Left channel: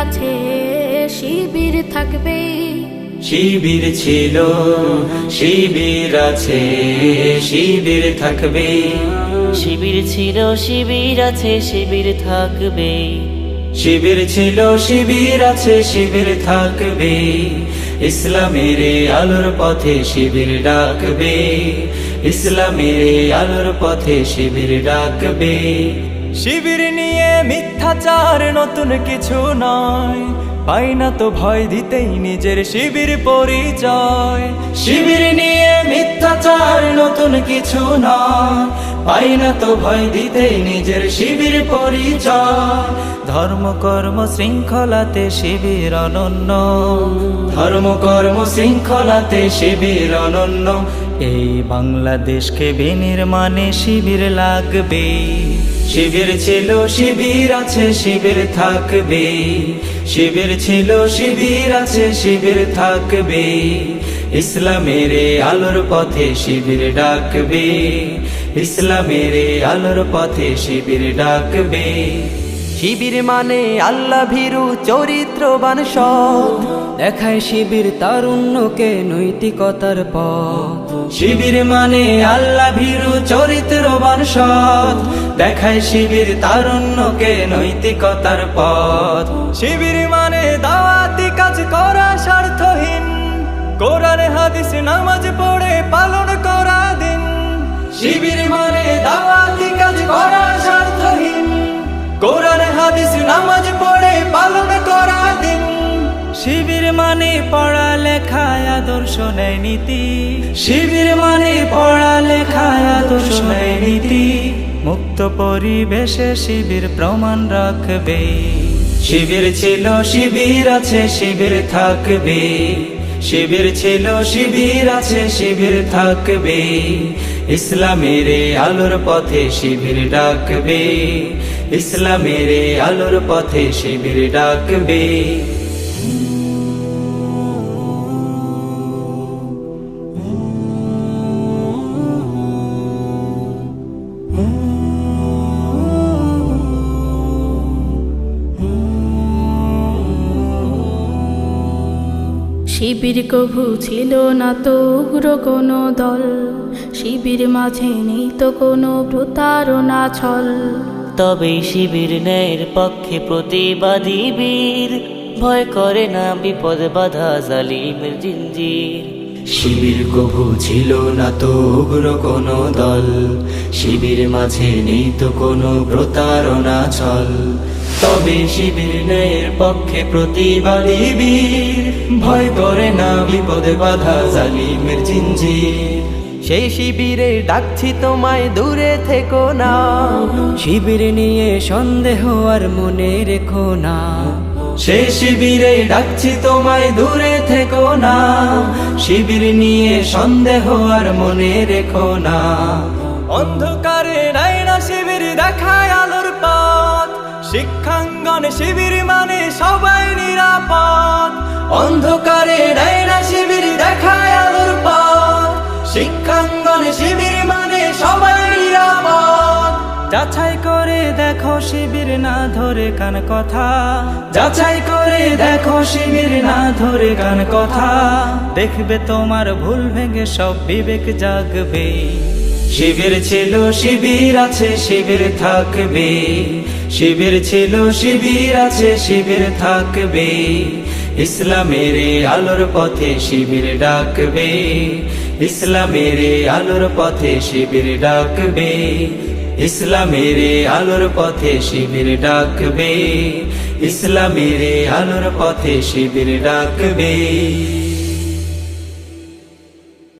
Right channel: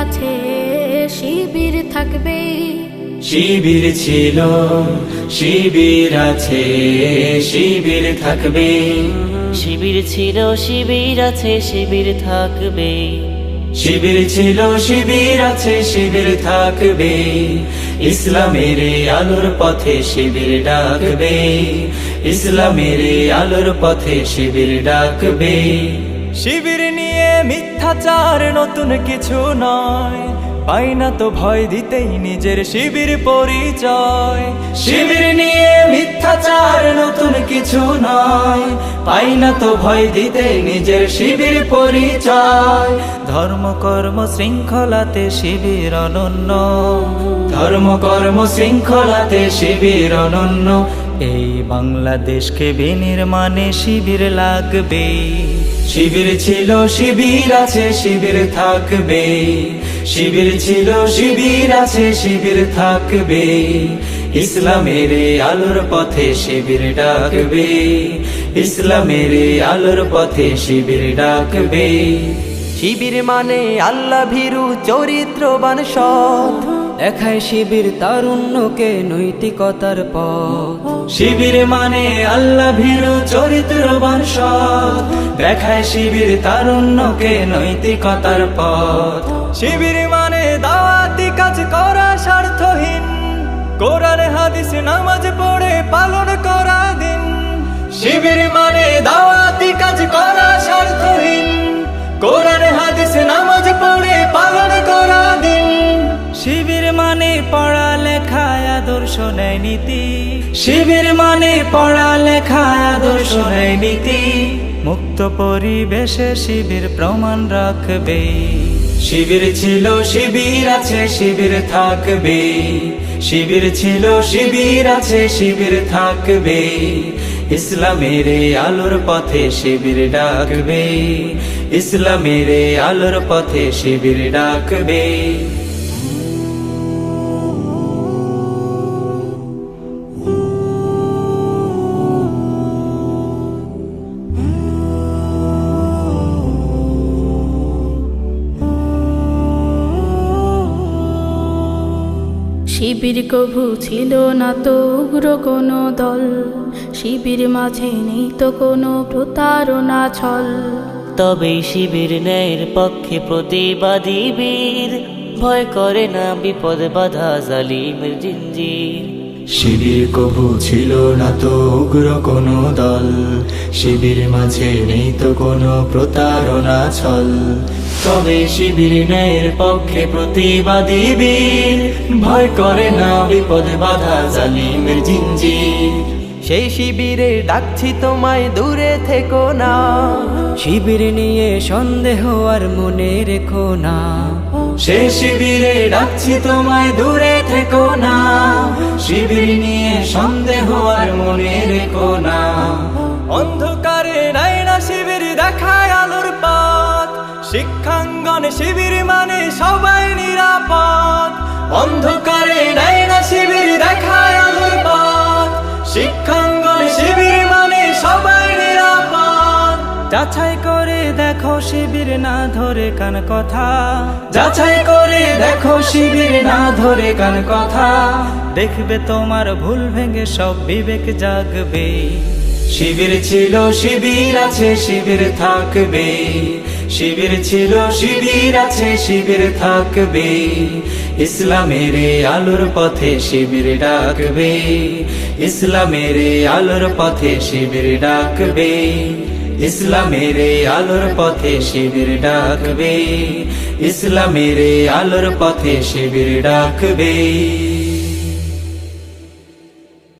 আছে শিবির থাকবে। শিবির ছিল শিবির আছে শিবির থাকবে। শিবির ছিল শিবির আছে শিবির থাকবে। শিবির ছিল শিবির আছে শিবির থাকবে। ইসলামের আলোর পথে শিবির ডাকবে। ইসলামের আলোর পথে শিবির ডাকবে। শিবির নিয়ে মিথ্যাচার নতুন কিছু নয়, পাই না তো ভয় দিতেই নিজের শিবির পরিচয়। শিবির নিয়ে মিথ্যাচার নতুন কিছু নয়, পাই না তো ভয় দিতে নিজের শিবির পরিচয়। ধর্ম কর্ম শৃঙ্খলাতে শিবির অনন্য, ধর্ম কর্ম শৃঙ্খলাতে শিবির অনন্য। এই বাংলাদেশকে বিনির্মাণে শিবির লাগবে। শিবির ছিল শিবির আছে শিবির থাকবে। শিবির ছিল শিবির আছে শিবির থাকবে। ইসলামের আলোর পথে শিবির ডাকবে। ইসলামের আলোর পথে শিবির ডাকবে। শিবির মানে আল্লাহ ভীরু চরিত্রবান সৎ, দেখায় শিবির তারুণ্যকে নৈতিকতার পথ। শিবির মানে আল্লাহ ভীরু চরিত্রবান সৎ, দেখায় শিবির তারুণ্যকে নৈতিকতার পথ। শিবির মানে দাওয়াতি কাজ করা স্বার্থহীন, কোরআন হাদিস নামাজ পড়ে পালন করা দিন। শিবির মানে দাওয়াতি কাজ করা স্বার্থহীন, কোরআন হাদিস নামাজ পড়ে পালন করা দিন। শিবির মানে পড়ালেখায় আদর্শ নেয় নীতি। শিবির মানে পড়ালেখায় আদর্শ নেয় নীতি। মুক্ত পরিবেশে শিবির প্রমাণ রাখবে। শিবির ছিল শিবির আছে শিবির থাকবে। শিবির ছিল শিবির আছে শিবির থাকবে। ইসলামের আলোর পথে শিবির ডাকবে। ইসলামের আলোর পথে শিবির ডাকবে। শিবির কভু ছিল না তো উগ্র কোনো দল, শিবির মাঝে নেই তো কোনো প্রতারণা ছল। তবে শিবির ন্যায়ের পক্ষে প্রতিবাদী বীর, ভয় করে না বিপদ বাধা জালিমের জিঞ্জির। শিবির কভু ছিল না তো উগ্র কোনো দল, শিবির মাঝে নেই তো কোনো প্রতারণা ছল। তবে শিবির ন্যায়ের পক্ষে প্রতিবাদী বীর, ভয় করে না বিপদে বাধা জালিমের জিঞ্জির। সেই শিবিরে ডাকছি তোমায় দূরে থেকো না, শিবির নিয়ে সন্দেহ আর মনে রেখো না। সেই শিবিরে ডাকছি তোমায় দূরে থেকো না, শিবির নিয়ে সন্দেহ আর মনে রেখো না। অন্ধকারে নাই না শিবির দেখায় আলোর পথ, শিক্ষাঙ্গনে শিবির মানে সবাই নিরাপদ। অন্ধকারে নাই না শিবির দেখায় আলোর পথ, শিক্ষাঙ্গনে শিবির মানে সবাই নিরাপদ। যাচাই করে দেখো শিবির না ধরে কান কথা, যাচাই করে দেখো শিবির না ধরে কান কথা। দেখবে তোমার ভুল ভেঙে সব বিবেক জাগবে। শিবির ছিল শিবির আছে শিবির থাকবে। শিবির ছিল শিবির আছে শিবির থাকবে। ইসলামের আলোর পথে শিবির ডাকবে। ইসলামের আলোর পথে শিবির ডাকবে। ইসলামের আলোর পথে শিবির ডাকবে। ইসলামের আলোর পথে শিবির ডাকবে।